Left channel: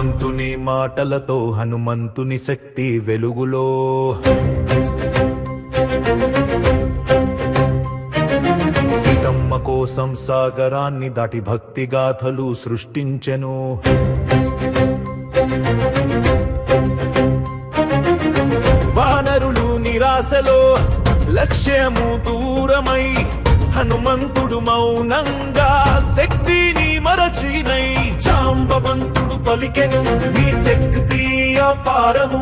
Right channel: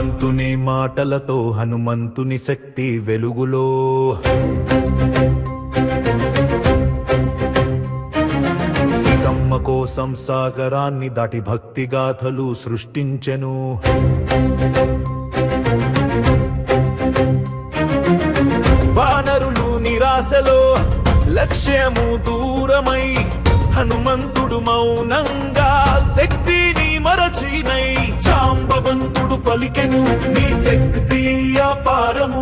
జాంబవంతుని మాటలతో హనుమంతుని శక్తి వెలుగులో. సీతమ్మ కోసం సాగరాన్ని దాటి భక్తి గాథలు సృష్టించెను. వానరులు నిరాశలో లక్ష్యము దూరమై హనుమంతుడు మౌనంగా శక్తిని మరచినై. జాంబవంతుడు పలికెను నీ శక్తి అపారము,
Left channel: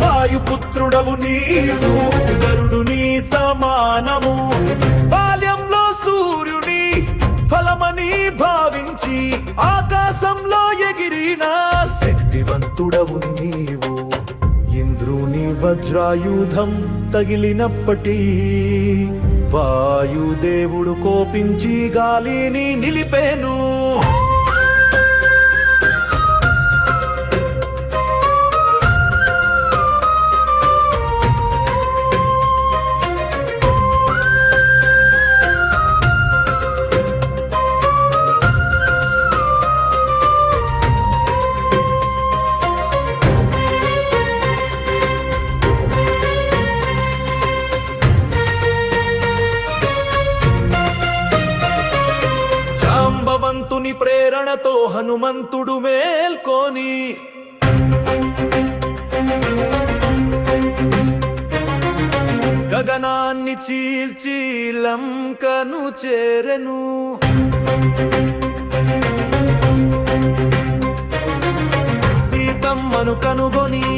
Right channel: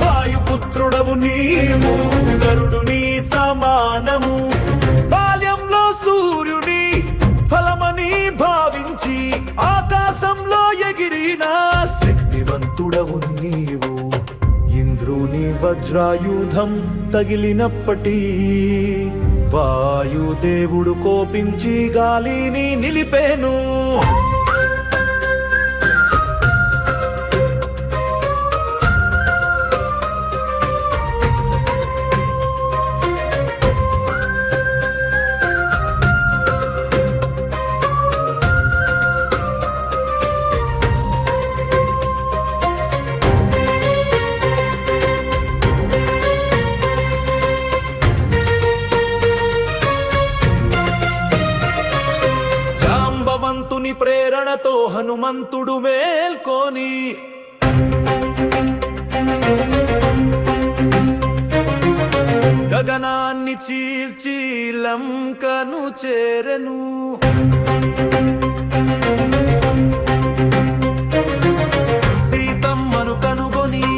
వాయుపుత్రుడవు నీవు గరుడుని సమానము. బాల్యంలో సూర్యుని ఫలమని భావించి ఆకాశంలో ఎగిరిన శక్తివంతుడవు నీవు. ఇంద్రుని వజ్రాయుధం తగిలినప్పటి వాయుదేవుడు కోపించి గాలిని నిలిపేను. జాంబవంతుని ప్రేరణతో హనుమంతుడు మేల్కొని గగనాన్ని చీల్చి లంకను చేరెను. సీతమ్మను కనుగొని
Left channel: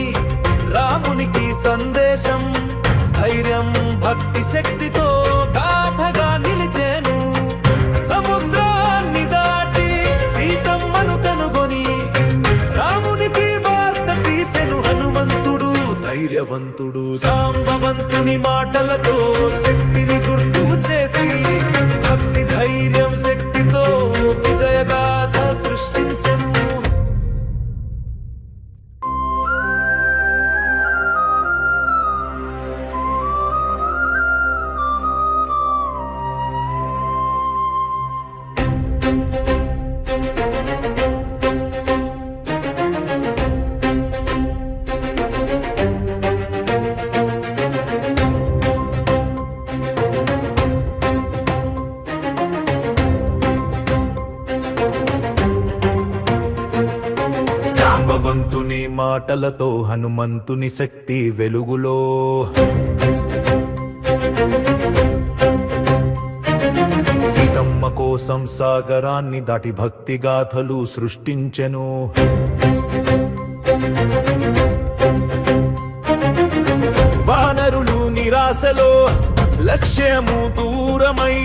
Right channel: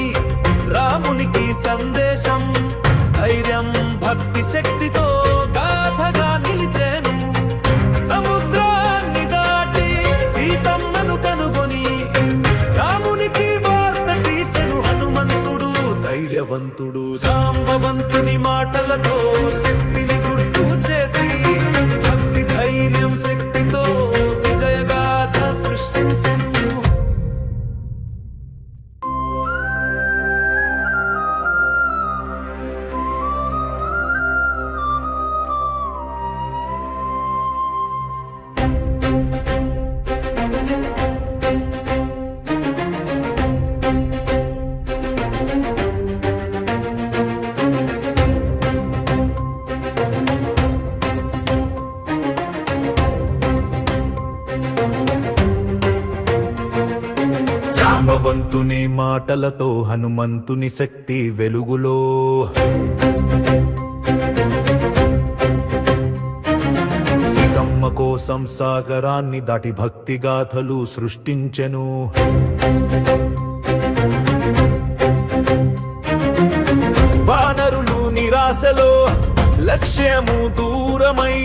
రామునికి సందేశం ధైర్యం భక్తి శక్తితో గాథగా నిలిచెను. సముద్రాన్ని దాటి సీతమ్మను కనుగొని రామునికి వార్త తీసెను హనుమంతుడు ధైర్యవంతుడు. జాంబవంతుని మాటలతో శక్తిని గుర్తు చేసి భక్తి ధైర్యం శక్తితో విజయగాథ సృష్టించెను. జాంబవంతుని మాటలతో హనుమంతుని శక్తి వెలుగులో. సీతమ్మ కోసం సాగరాన్ని దాటి భక్తి గాథలు సృష్టించెను. వానరులు నిరాశలో లక్ష్యము దూరమై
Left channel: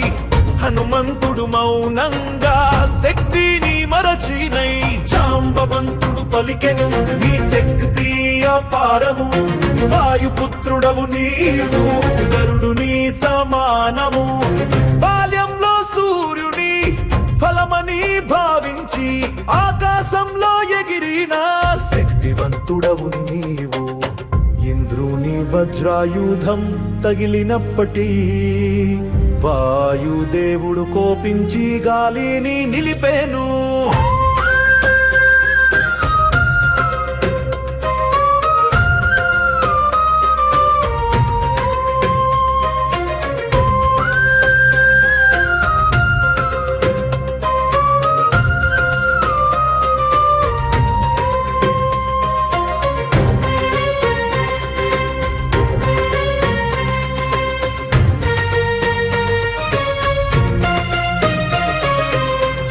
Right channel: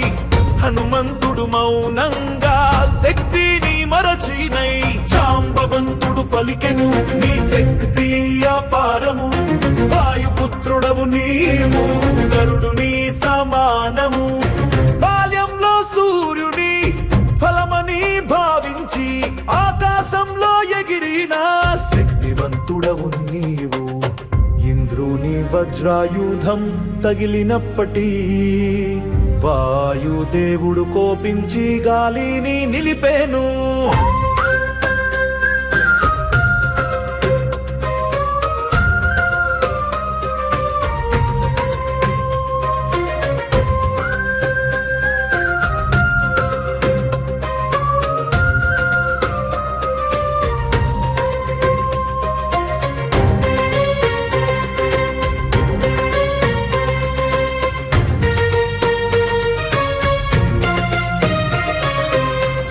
హనుమంతుడు మౌనంగా శక్తిని మరచినై. జాంబవంతుడు పలికెను నీ శక్తి అపారము, వాయుపుత్రుడవు నీవు గరుడుని సమానము. బాల్యంలో సూర్యుని ఫలమని భావించి ఆకాశంలో ఎగిరిన శక్తివంతుడవు నీవు. ఇంద్రుని వజ్రాయుధం తగిలినప్పటి వాయుదేవుడు కోపించి గాలిని నిలిపేను.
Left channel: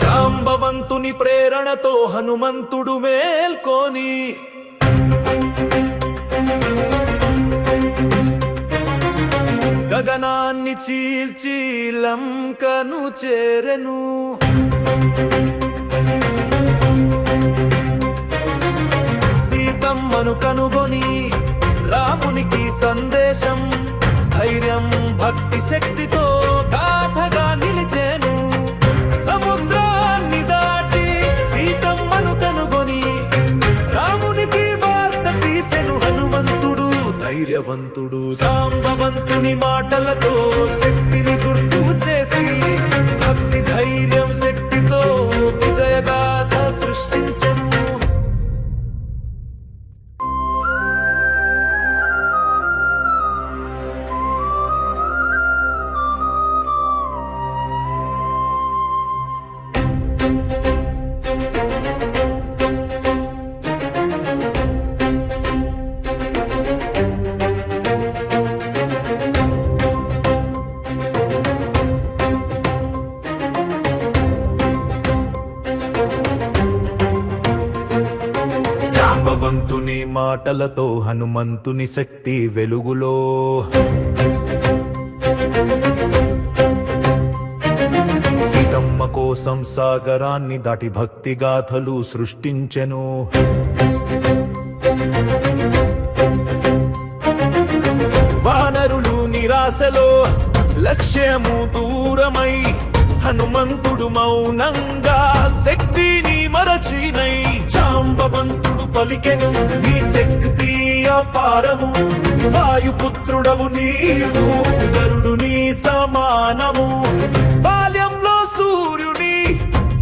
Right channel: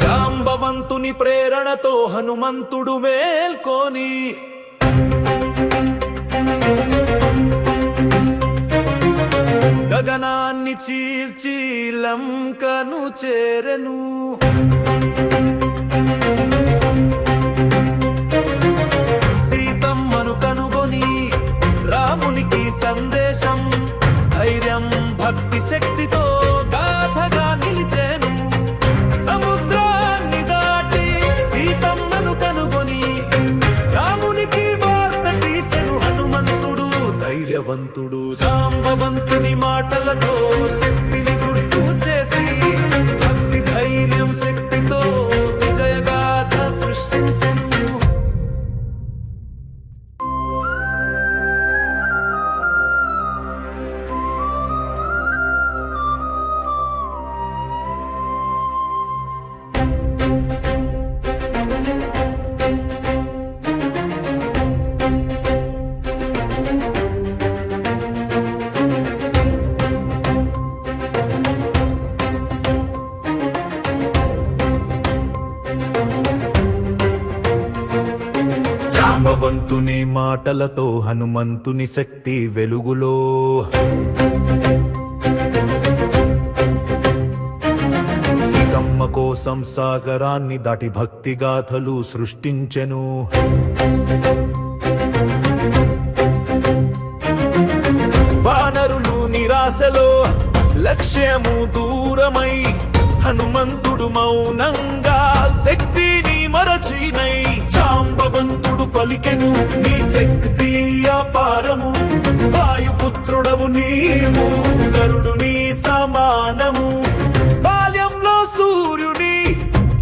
జాంబవంతుని ప్రేరణతో హనుమంతుడు మేల్కొని గగనాన్ని చీల్చి లంకను చేరెను. సీతమ్మను కనుగొని రామునికి సందేశం ధైర్యం భక్తి శక్తితో గాథగా నిలిచెను. సముద్రాన్ని దాటి సీతమ్మను కనుగొని రామునికి వార్త తీసెను హనుమంతుడు ధైర్యవంతుడు. జాంబవంతుని మాటలతో శక్తిని గుర్తు చేసి భక్తి ధైర్యం శక్తితో విజయగాథ సృష్టించెను. జాంబవంతుని మాటలతో హనుమంతుని శక్తి వెలుగులో సీతమ్మ కోసం సాగరాన్ని దాటి భక్తి గాథలు సృష్టించెను. వానరులు నిరాశలో లక్ష్యము దూరమై హనుమంతుడు మౌనంగా శక్తిని మరచినై జాంబవంతుడు పలికెను నీ శక్తి అపారము వాయుపుత్రుడవు నీవు గరుడుని సమానము బాల్యంలో సూర్యుని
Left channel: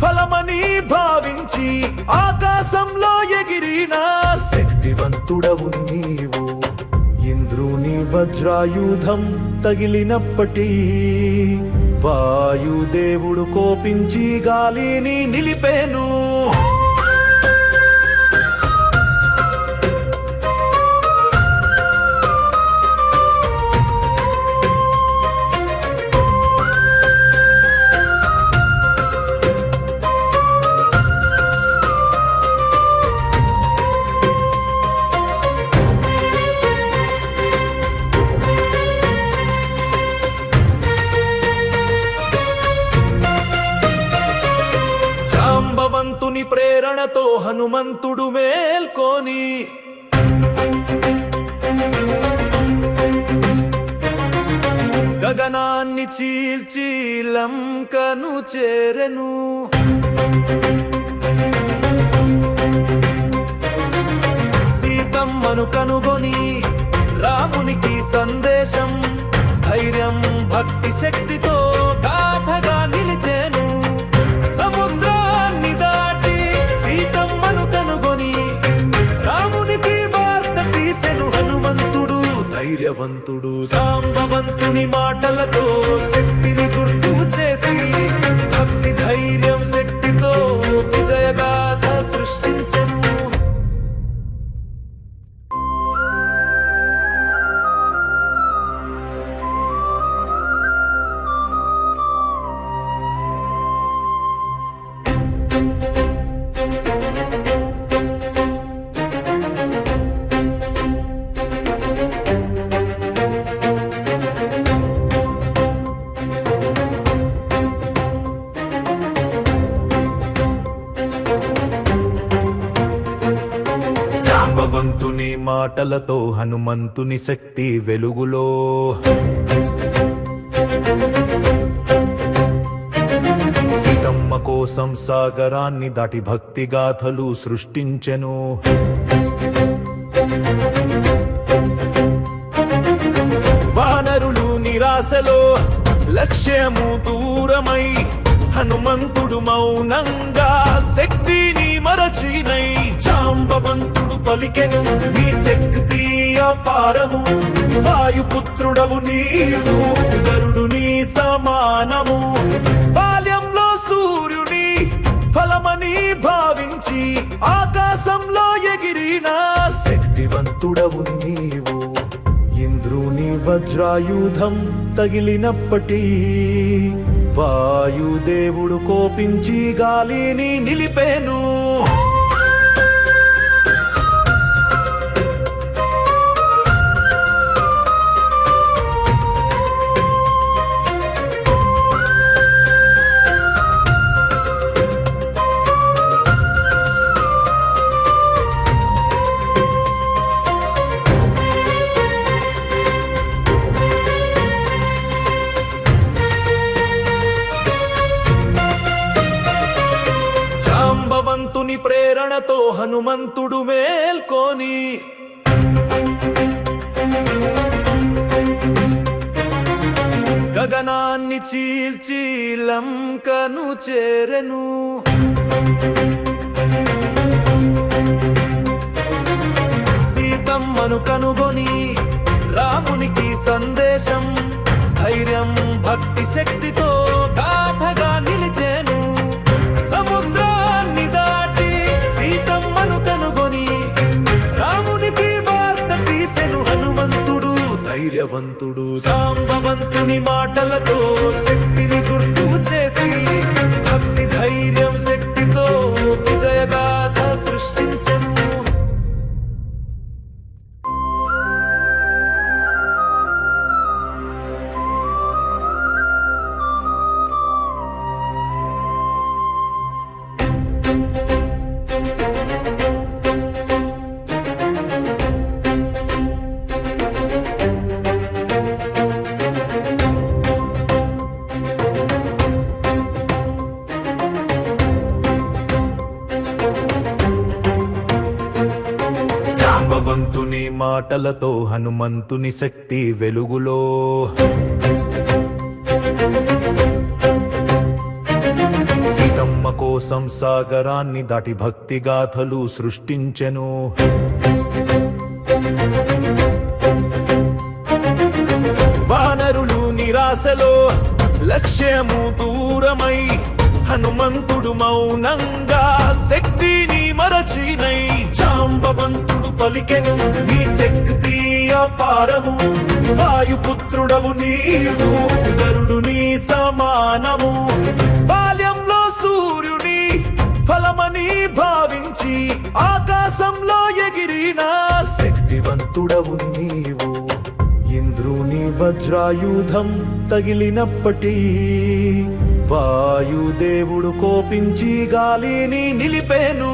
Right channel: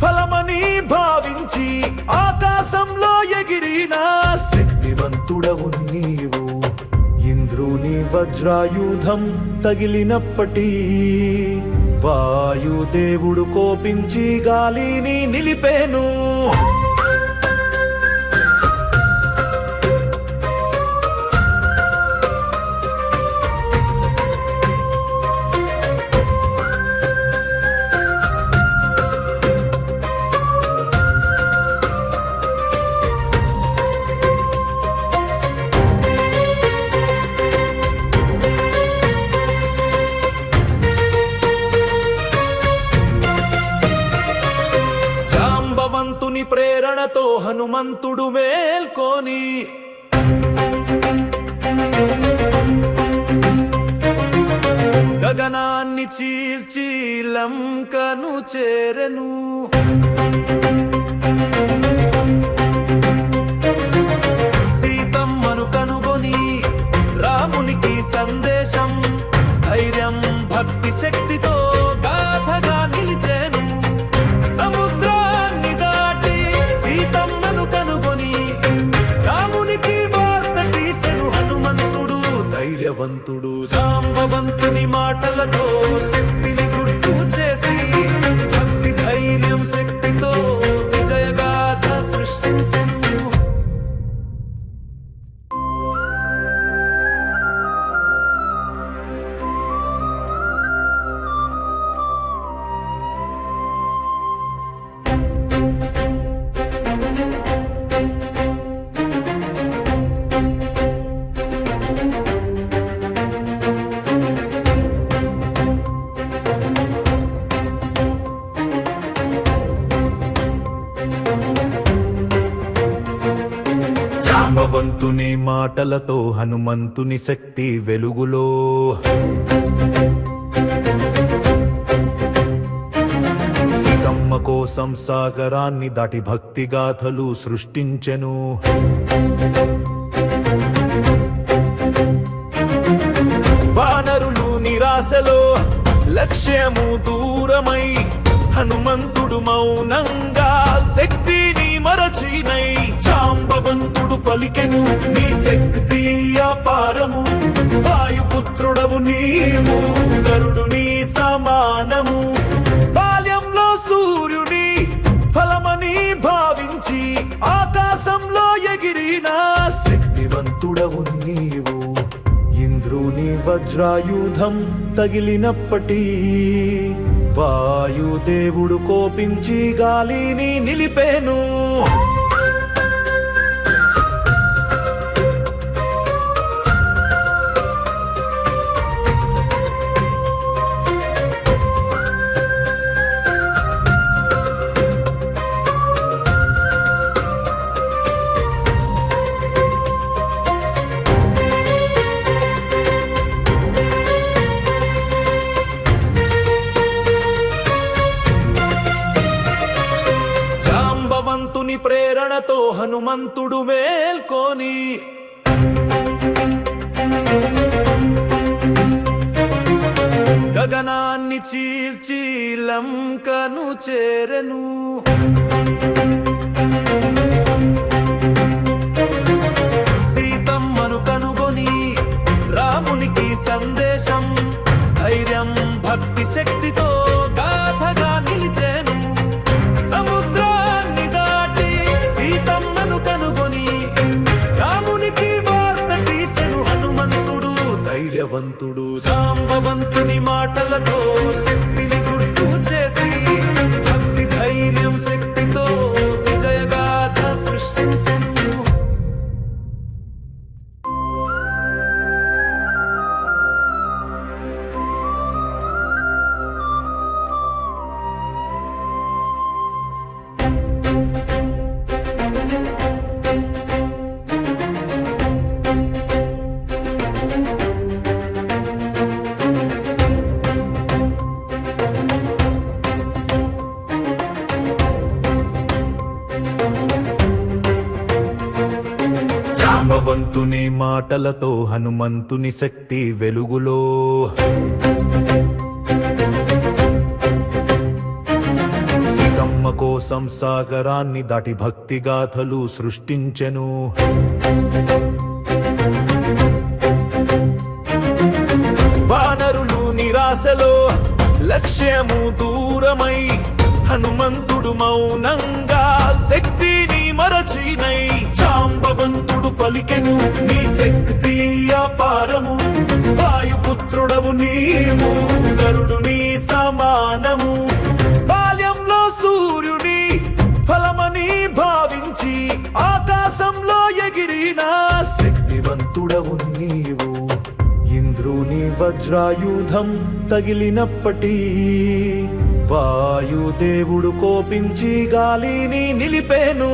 ఫలమని భావించి ఆకాశంలో ఎగిరిన శక్తివంతుడవు నీవు ఇంద్రుని వజ్రాయుధం తగిలినప్పటి వాయుదేవుడు కోపించి గాలిని నిలిపేను. జాంబవంతుని ప్రేరణతో హనుమంతుడు మేల్కొని గగనాన్ని చీల్చి లంకను చేరెను. సీతమ్మను కనుగొని రామునికి సందేశం ధైర్యం భక్తి శక్తితో గాథగా నిలిచేను. సముద్రాన్ని దాటి సీతమ్మను కనుగొని రామునికి వార్త తీసెను హనుమంతుడు ధైర్యవంతుడు జాంబవంతుని మాటలతో శక్తిని గుర్తు చేసి భక్తి ధైర్యం శక్తితో విజయగాథ సృష్టించెను. జాంబవంతుని మాటలతో హనుమంతుని శక్తి వెలుగులో సీతమ్మ కోసం సాగరాన్ని దాటి భక్తి గాథలు సృష్టించెను. వానరులు నిరాశలో లక్ష్యము దూరమై హనుమంతుడు మౌనంగా శక్తిని మరచినై జాంబవంతుడు పలికెను నీ శక్తి అపారము వాయుపుత్రుడవు నీవు గరుడుని సమానము బాల్యంలో సూర్యుని ఫలమని భావించి ఆకాశంలో ఎగిరిన శక్తివంతుడవు నీవు ఇంద్రుని వజ్రాయుధం తగిలినప్పటి వాయుదేవుడు కోపించి గాలిని నిలిపేను. జాంబవంతుని ప్రేరణతో హనుమంతుడు మేల్కొని గగనాన్ని చీల్చి లంకను చేరెను. సీతమ్మను కనుగొని రామునికి సందేశం ధైర్యం భక్తి శక్తితో గాథగా నిలిచేను. సముద్రాన్ని దాటి సీతమ్మను కనుగొని రామునికి వార్త తీసెను హనుమంతుడు ధైర్యవంతుడు జాంబవంతుని మాటలతో శక్తిని గుర్తు చేసి భక్తి ధైర్యం శక్తితో విజయగాథ సృష్టించెను. జాంబవంతుని మాటలతో హనుమంతుని శక్తి వెలుగులో సీతమ్మ కోసం సాగరాన్ని దాటి భక్తి గాథలు సృష్టించెను. వానరులు నిరాశలో లక్ష్యము దూరమై హనుమంతుడు మౌనంగా శక్తిని మరచినై జాంబవంతుడు పలికెను నీ శక్తి అపారము వాయుపుత్రుడవు నీవు గరుడుని సమానము బాల్యంలో సూర్యుని ఫలమని భావించి ఆకాశంలో ఎగిరిన శక్తివంతుడవు నీవు ఇంద్రుని వజ్రాయుధం తగిలినప్పటి వాయుదేవుడు కోపించి గాలిని నిలిపేను.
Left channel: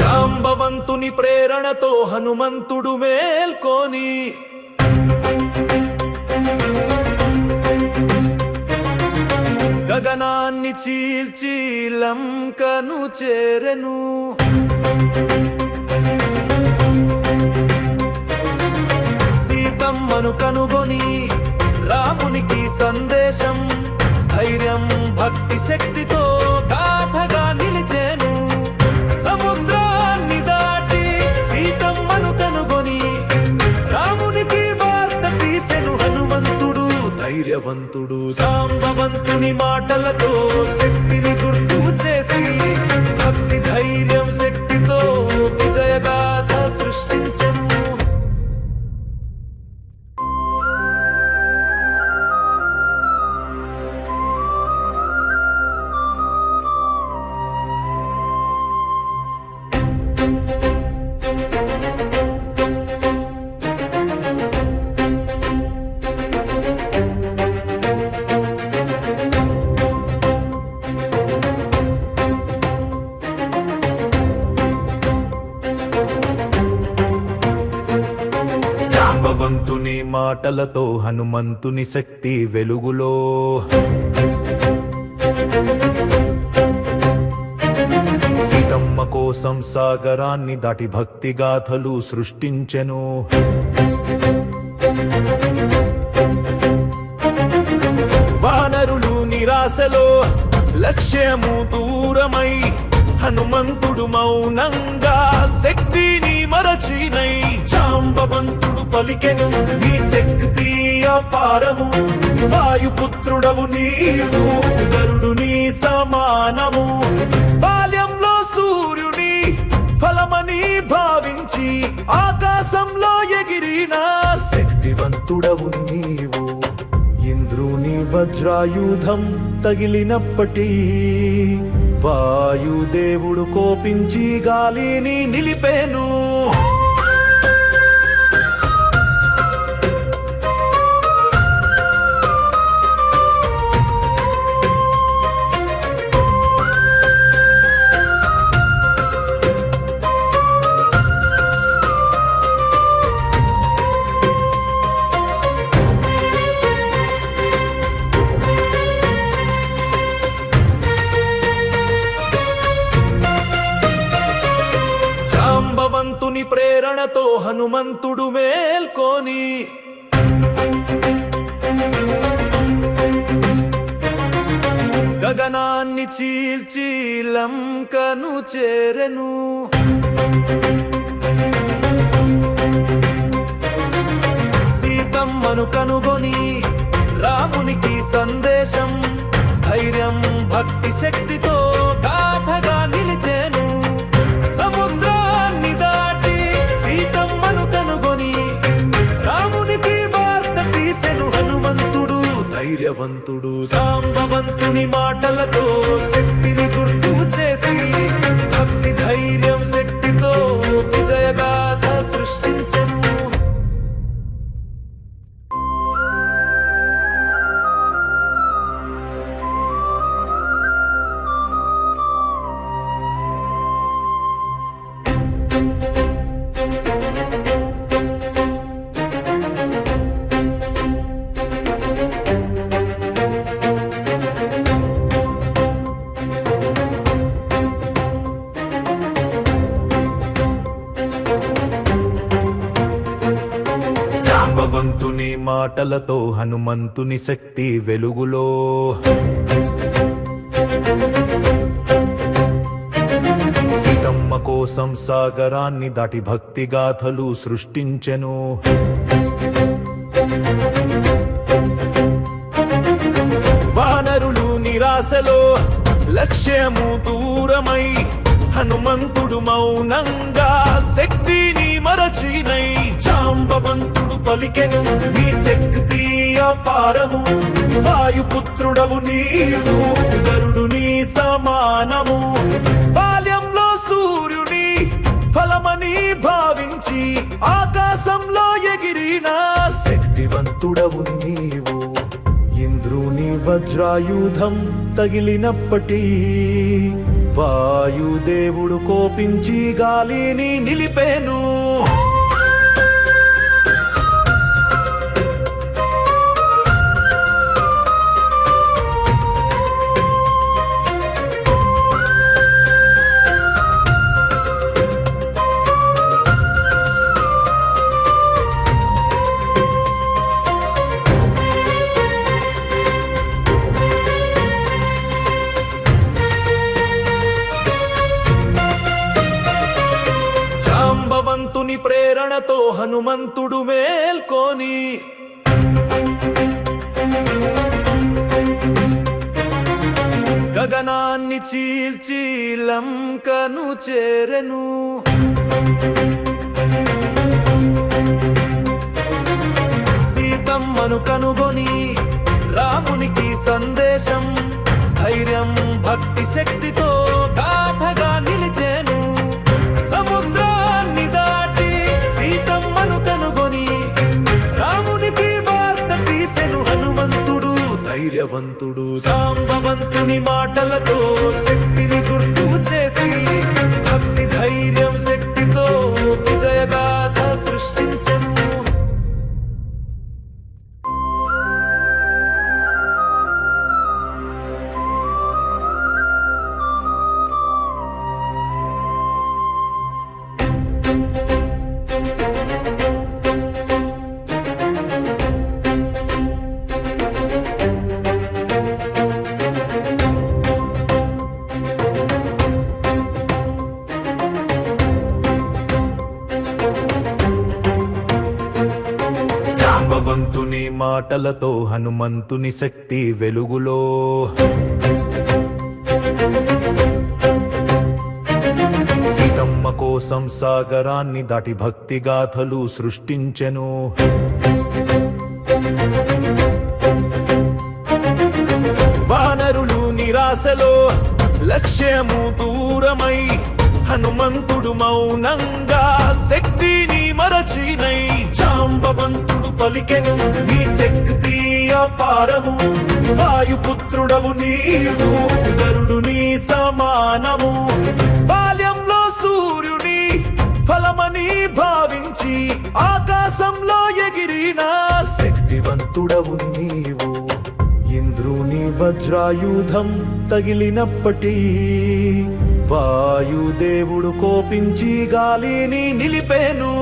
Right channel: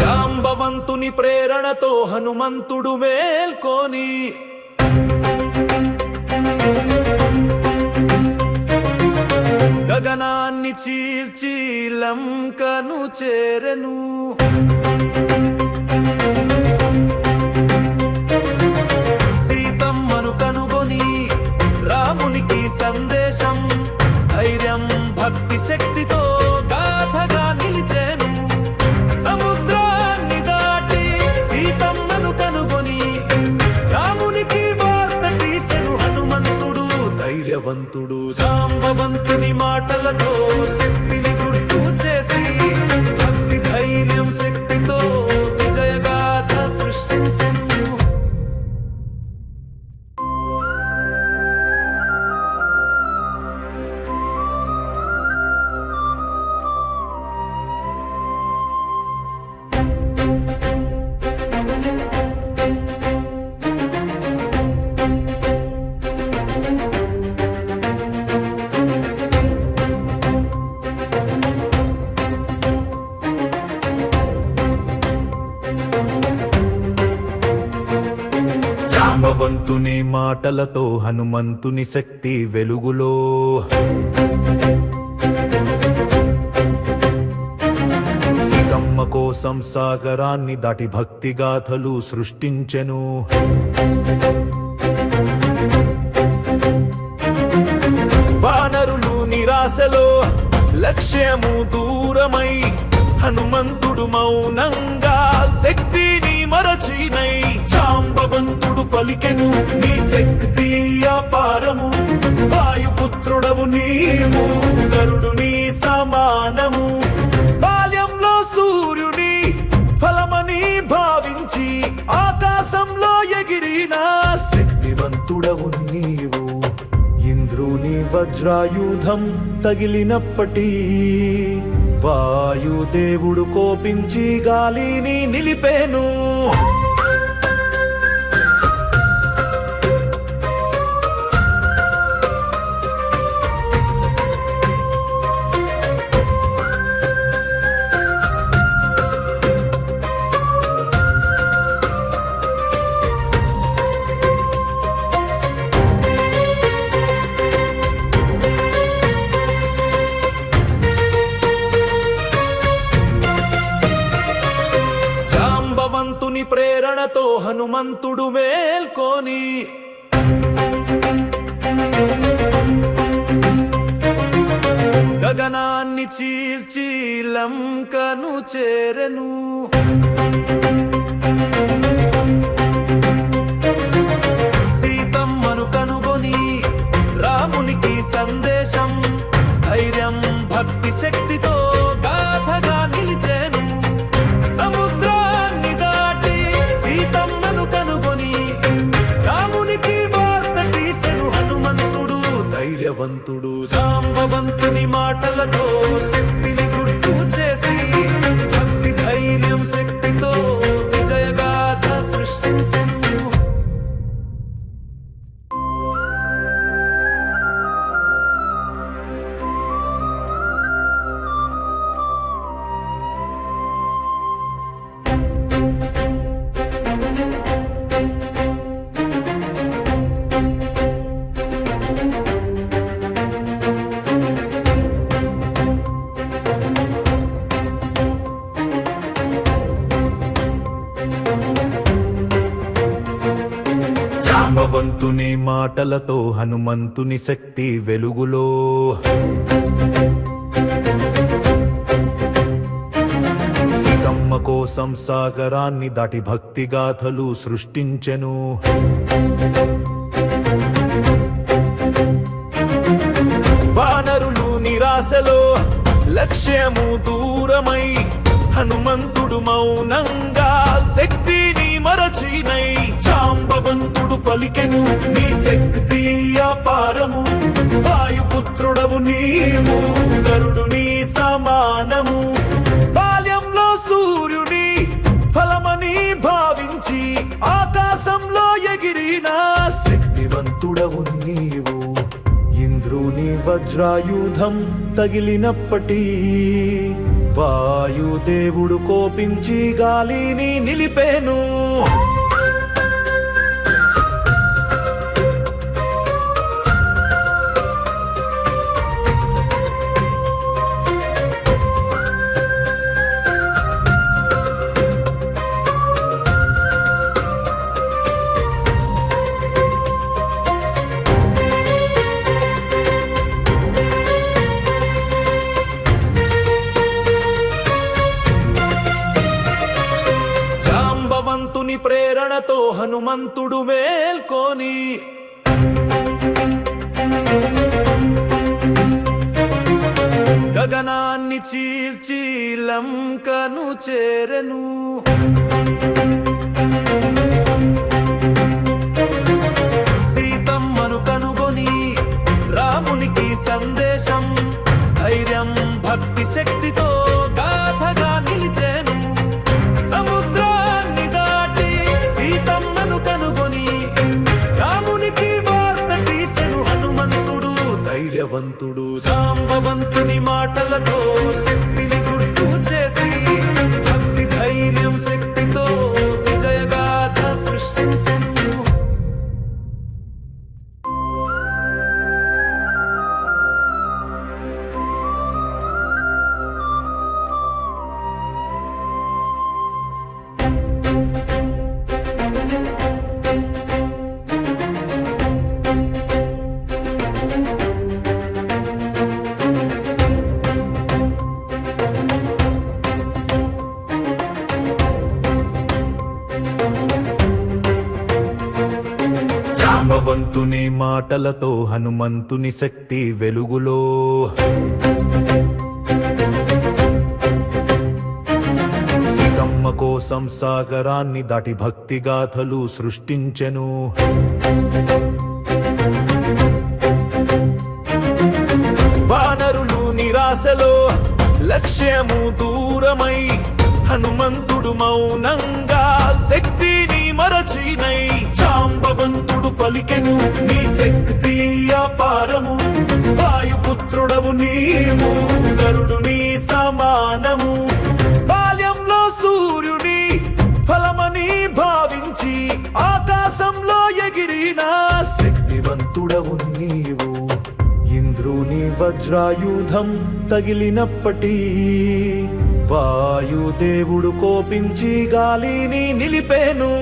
జాంబవంతుని ప్రేరణతో హనుమంతుడు మేల్కొని గగనాన్ని చీల్చి లంకను చేరెను. సీతమ్మను కనుగొని రామునికి సందేశం ధైర్యం భక్తి శక్తితో గాథగా నిలిచేను. సముద్రాన్ని దాటి సీతమ్మను కనుగొని రామునికి వార్త తీసెను హనుమంతుడు ధైర్యవంతుడు. జాంబవంతుని మాటలతో శక్తిని గుర్తు చేసి భక్తి ధైర్యం శక్తితో విజయగాథ సృష్టించెను. జాంబవంతుని మాటలతో హనుమంతుని శక్తి వెలుగులో సీతమ్మ కోసం సాగరాన్ని దాటి భక్తి గాథలు సృష్టించెను. వానరులు నిరాశలో లక్ష్యము దూరమై హనుమంతుడు మౌనంగా శక్తిని మరచినై జాంబవంతుడు పలికెను నీ శక్తి అపారము వాయుపుత్రుడవు నీవు గరుడుని సమానము బాల్యంలో సూర్యుని ఫలమని భావించి ఆకాశంలో ఎగిరిన శక్తివంతుడవు నీవు ఇంద్రుని వజ్రాయుధం తగిలినప్పటి వాయుదేవుడు కోపించి గాలిని నిలిపేను. జాంబవంతుని ప్రేరణతో హనుమంతుడు మేల్కొని గగనాన్ని చీల్చి లంకను చేరెను. సీతమ్మను కనుగొని రామునికి సందేశం ధైర్యం భక్తి శక్తితో గాథగా నిలిచేను. సముద్రాన్ని దాటి సీతమ్మను కనుగొని రామునికి వార్త తీసెను హనుమంతుడు ధైర్యవంతుడు. జాంబవంతుని మాటలతో శక్తిని గుర్తు చేసి భక్తి ధైర్యం శక్తితో విజయగాథ సృష్టించెను. జాంబవంతుని మాటలతో హనుమంతుని శక్తి వెలుగులో. సీతమ్మ కోసం సాగరాన్ని దాటి భక్తి గాథలు సృష్టించెను. వానరులు నిరాశలో లక్ష్యము దూరమై హనుమంతుడు మౌనంగా శక్తిని మరచినై. జాంబవంతుడు పలికెను నీ శక్తి అపారము, వాయుపుత్రుడవు నీవు గరుడుని సమానము. బాల్యంలో సూర్యుని ఫలమని భావించి ఆకాశంలో ఎగిరిన శక్తివంతుడవు నీవు. ఇంద్రుని వజ్రాయుధం తగిలినప్పటి వాయుదేవుడు కోపించి గాలిని నిలిపేను. జాంబవంతుని ప్రేరణతో హనుమంతుడు మేల్కొని గగనాన్ని చీల్చి లంకను చేరెను. సీతమ్మను కనుగొని రామునికి సందేశం ధైర్యం భక్తి శక్తితో గాథగా నిలిచెను. సముద్రాన్ని దాటి సీతమ్మను కనుగొని రామునికి వార్త తీసెను హనుమంతుడు ధైర్యవంతుడు. జాంబవంతుని మాటలతో శక్తిని గుర్తు చేసి భక్తి ధైర్యం శక్తితో విజయగాథ సృష్టించెను. జాంబవంతుని మాటలతో హనుమంతుని శక్తి వెలుగులో. సీతమ్మ కోసం సాగరాన్ని దాటి భక్తి గాథలు సృష్టించెను. వానరులు నిరాశలో లక్ష్యము దూరమై హనుమంతుడు మౌనంగా శక్తిని మరచినై. జాంబవంతుడు పలికెను నీ శక్తి అపారము, వాయుపుత్రుడవు నీవు గరుడుని సమానము. బాల్యంలో సూర్యుని ఫలమని భావించి ఆకాశంలో ఎగిరిన శక్తివంతుడవు నీవు. ఇంద్రుని వజ్రాయుధం తగిలినప్పటి వాయుదేవుడు కోపించి గాలిని నిలిపేను.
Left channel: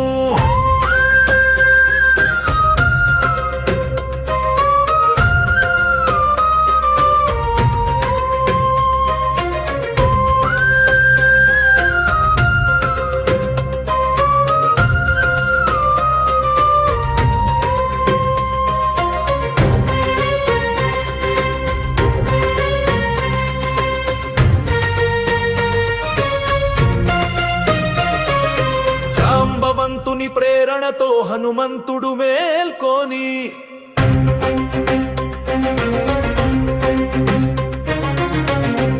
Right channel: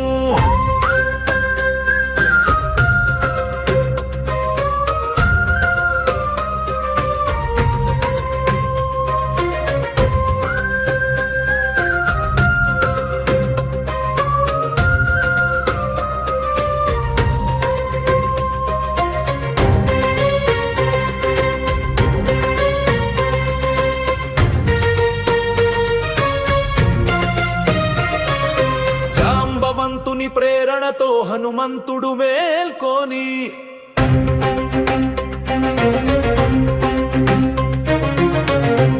జాంబవంతుని ప్రేరణతో హనుమంతుడు మేల్కొని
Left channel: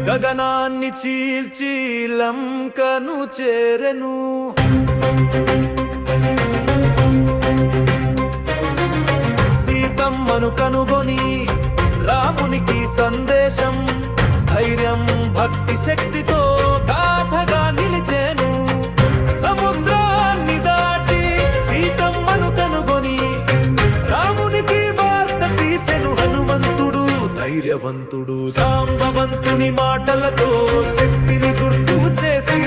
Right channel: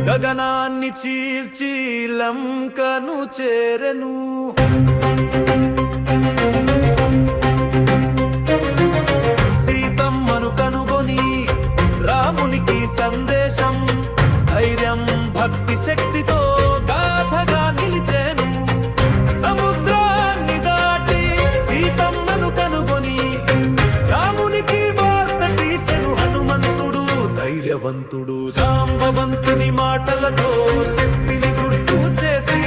గగనాన్ని చీల్చి లంకను చేరెను. సీతమ్మను కనుగొని రామునికి సందేశం ధైర్యం భక్తి శక్తితో గాథగా నిలిచెను. సముద్రాన్ని దాటి సీతమ్మను కనుగొని రామునికి వార్త తీసెను హనుమంతుడు ధైర్యవంతుడు. జాంబవంతుని మాటలతో శక్తిని గుర్తు చేసి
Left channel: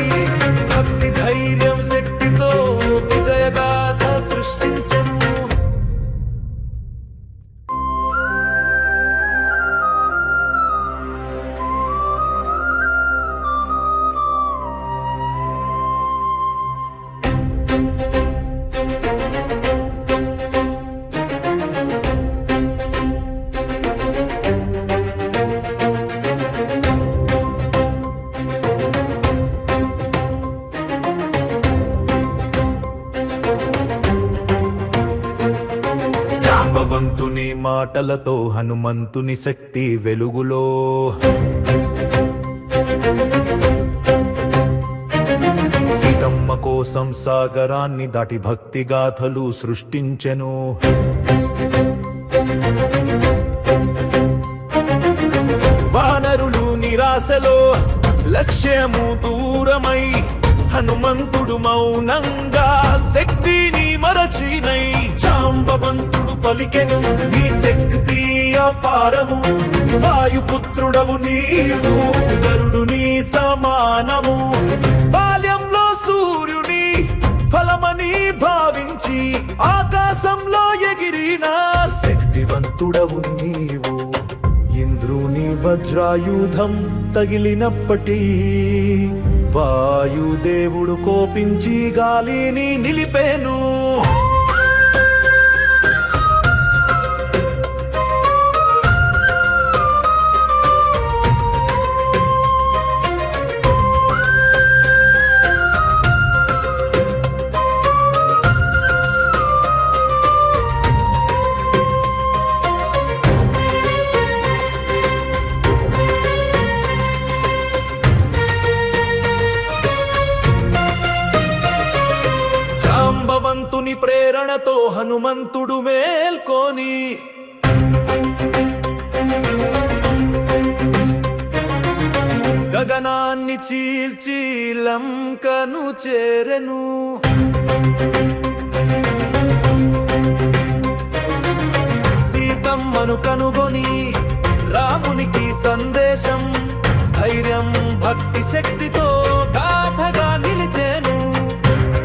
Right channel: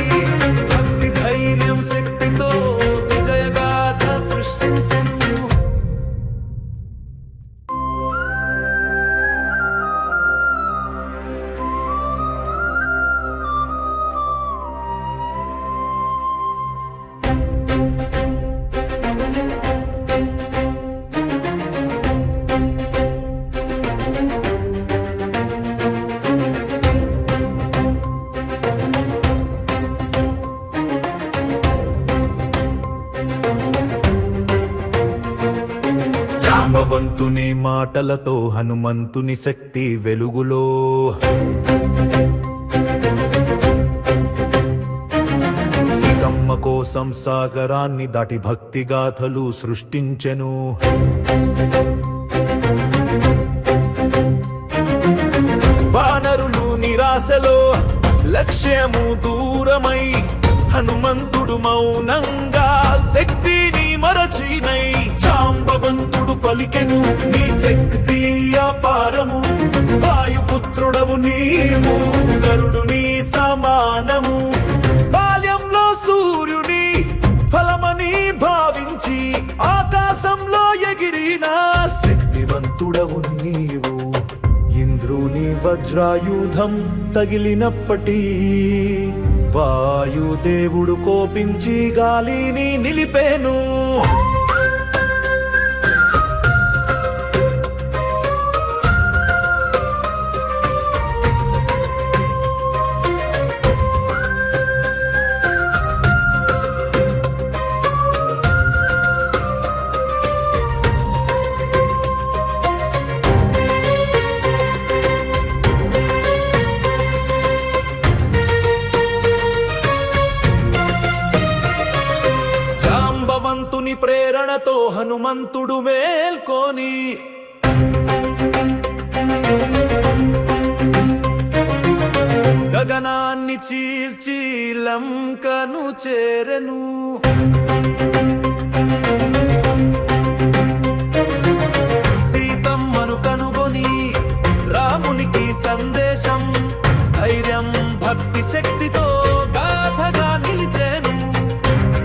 భక్తి ధైర్యం శక్తితో విజయగాథ సృష్టించెను. జాంబవంతుని మాటలతో హనుమంతుని శక్తి వెలుగులో సీతమ్మ కోసం సాగరాన్ని దాటి భక్తి గాథలు సృష్టించెను. వానరులు నిరాశలో లక్ష్యము దూరమై హనుమంతుడు మౌనంగా శక్తిని మరచినై జాంబవంతుడు పలికెను నీ శక్తి అపారము వాయుపుత్రుడవు నీవు గరుడుని సమానము బాల్యంలో సూర్యుని ఫలమని భావించి ఆకాశంలో ఎగిరిన శక్తివంతుడవు నీవు ఇంద్రుని వజ్రాయుధం తగిలినప్పటి వాయుదేవుడు కోపించి గాలిని నిలిపేను. జాంబవంతుని ప్రేరణతో హనుమంతుడు మేల్కొని గగనాన్ని చీల్చి లంకను చేరెను. సీతమ్మను కనుగొని రామునికి సందేశం ధైర్యం భక్తి శక్తితో గాథగా నిలిచేను.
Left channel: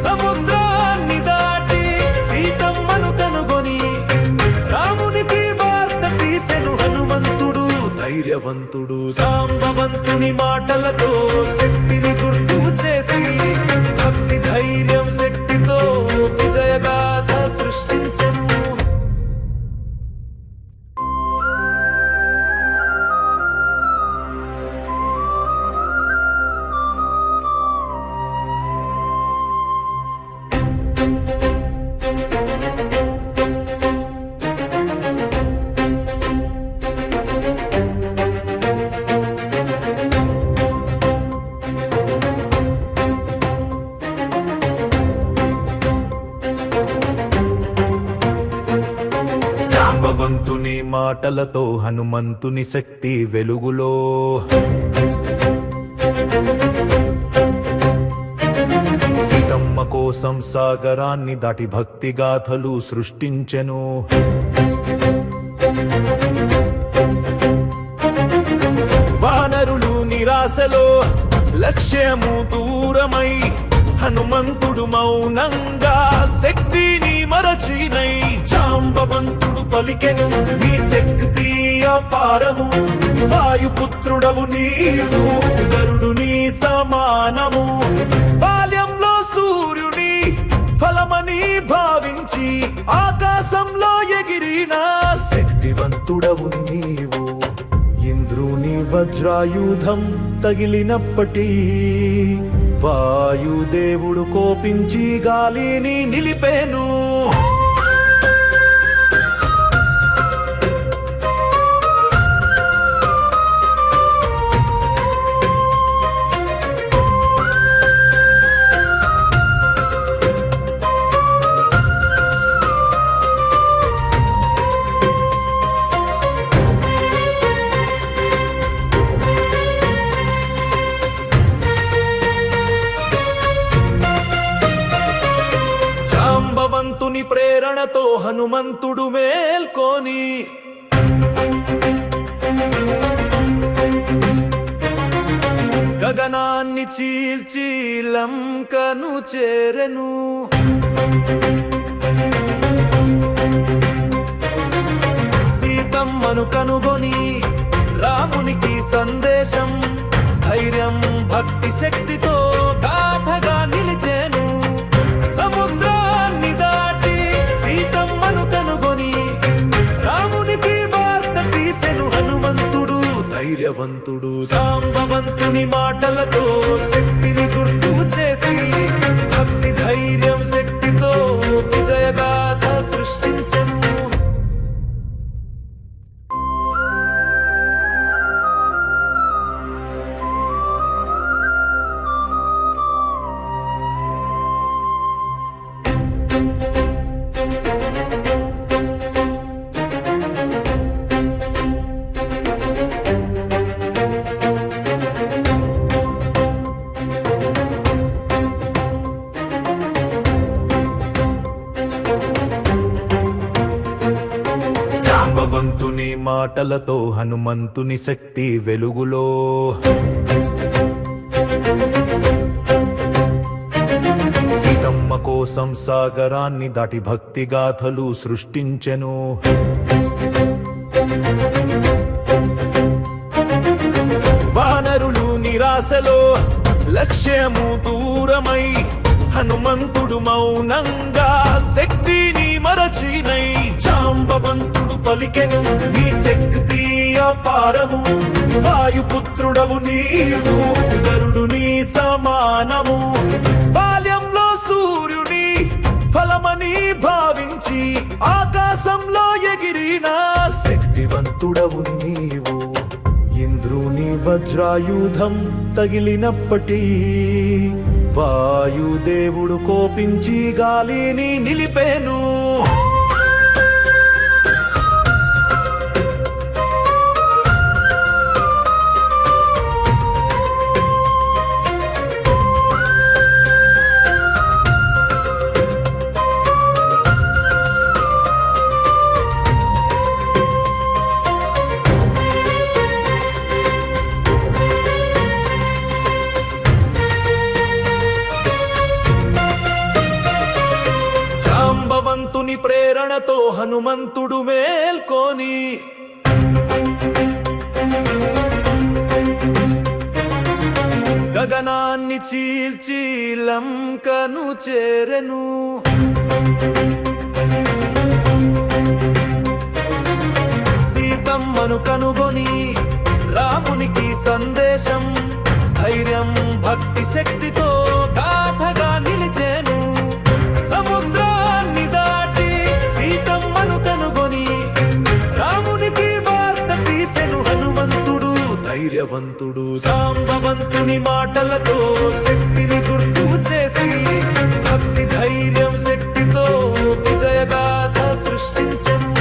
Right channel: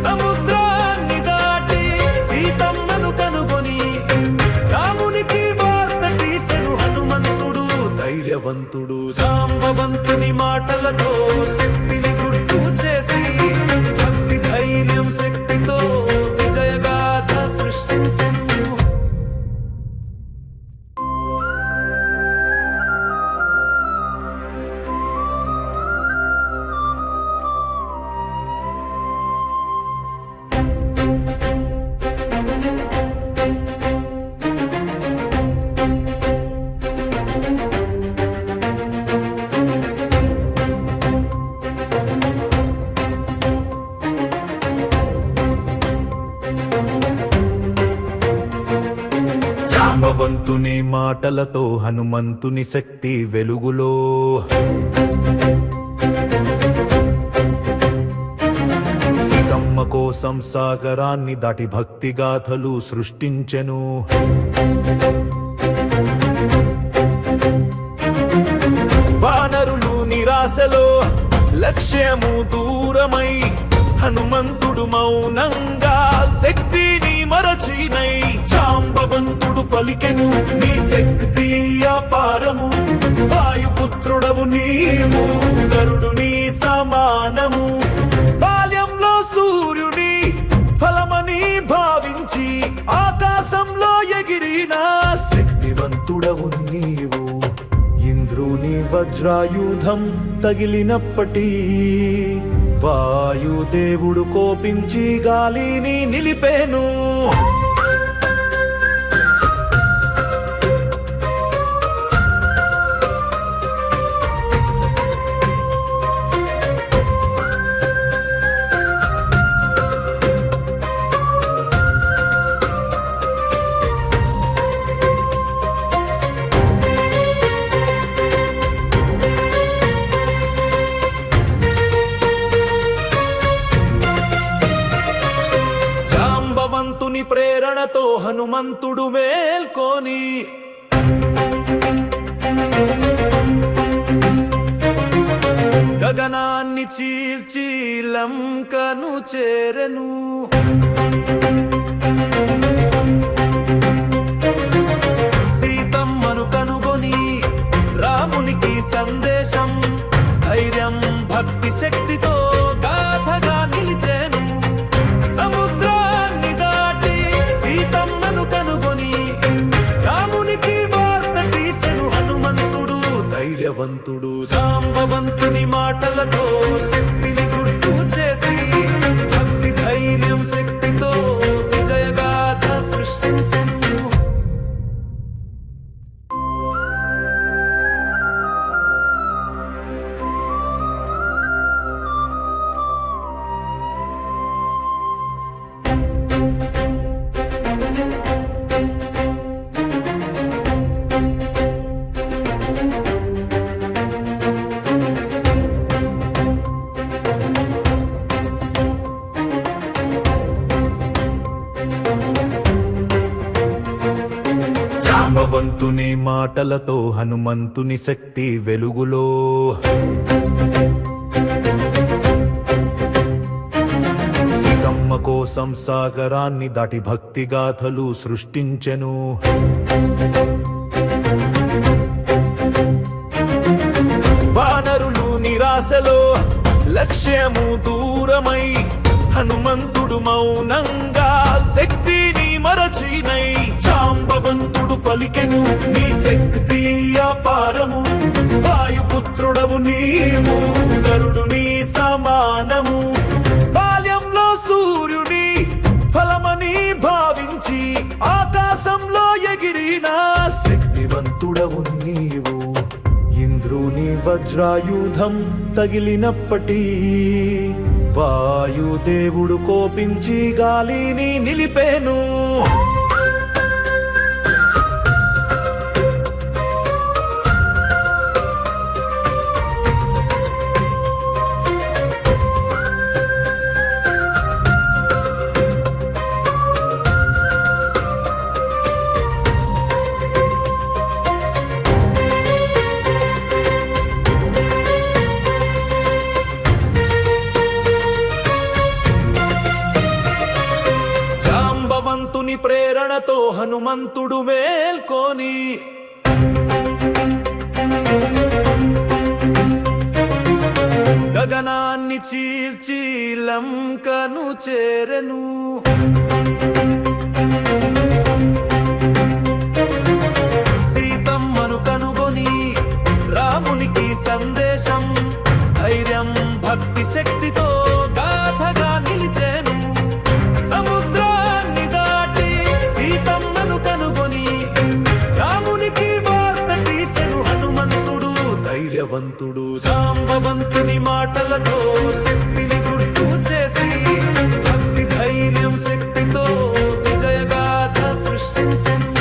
సముద్రాన్ని దాటి సీతమ్మను కనుగొని రామునికి వార్త తీసెను హనుమంతుడు ధైర్యవంతుడు జాంబవంతుని మాటలతో శక్తిని గుర్తు చేసి భక్తి ధైర్యం శక్తితో విజయగాథ సృష్టించెను. జాంబవంతుని మాటలతో హనుమంతుని శక్తి వెలుగులో సీతమ్మ కోసం సాగరాన్ని దాటి భక్తి గాథలు సృష్టించెను. వానరులు నిరాశలో లక్ష్యము దూరమై హనుమంతుడు మౌనంగా శక్తిని మరచినై జాంబవంతుడు పలికెను నీ శక్తి అపారము వాయుపుత్రుడవు నీవు గరుడుని సమానము బాల్యంలో సూర్యుని ఫలమని భావించి ఆకాశంలో ఎగిరిన శక్తివంతుడవు నీవు ఇంద్రుని వజ్రాయుధం తగిలినప్పటి వాయుదేవుడు కోపించి గాలిని నిలిపేను. జాంబవంతుని ప్రేరణతో హనుమంతుడు మేల్కొని గగనాన్ని చీల్చి లంకను చేరెను. సీతమ్మను కనుగొని రామునికి సందేశం ధైర్యం భక్తి శక్తితో గాథగా నిలిచేను. సముద్రాన్ని దాటి సీతమ్మను కనుగొని రామునికి వార్త తీసెను హనుమంతుడు ధైర్యవంతుడు జాంబవంతుని మాటలతో శక్తిని గుర్తు చేసి భక్తి ధైర్యం శక్తితో విజయగాథ సృష్టించెను. జాంబవంతుని మాటలతో హనుమంతుని శక్తి వెలుగులో సీతమ్మ కోసం సాగరాన్ని దాటి భక్తి గాథలు సృష్టించెను. వానరులు నిరాశలో లక్ష్యము దూరమై హనుమంతుడు మౌనంగా శక్తిని మరచినై జాంబవంతుడు పలికెను నీ శక్తి అపారము వాయుపుత్రుడవు నీవు గరుడుని సమానము బాల్యంలో సూర్యుని ఫలమని భావించి ఆకాశంలో ఎగిరిన శక్తివంతుడవు నీవు ఇంద్రుని వజ్రాయుధం తగిలినప్పటి వాయుదేవుడు కోపించి గాలిని నిలిపేను. జాంబవంతుని ప్రేరణతో హనుమంతుడు మేల్కొని గగనాన్ని చీల్చి లంకను చేరెను. సీతమ్మను కనుగొని రామునికి సందేశం ధైర్యం భక్తి శక్తితో గాథగా నిలిచేను. సముద్రాన్ని దాటి సీతమ్మను కనుగొని రామునికి వార్త తీసెను హనుమంతుడు ధైర్యవంతుడు. జాంబవంతుని మాటలతో శక్తిని గుర్తు చేసి భక్తి ధైర్యం శక్తితో విజయగాథ సృష్టించెను.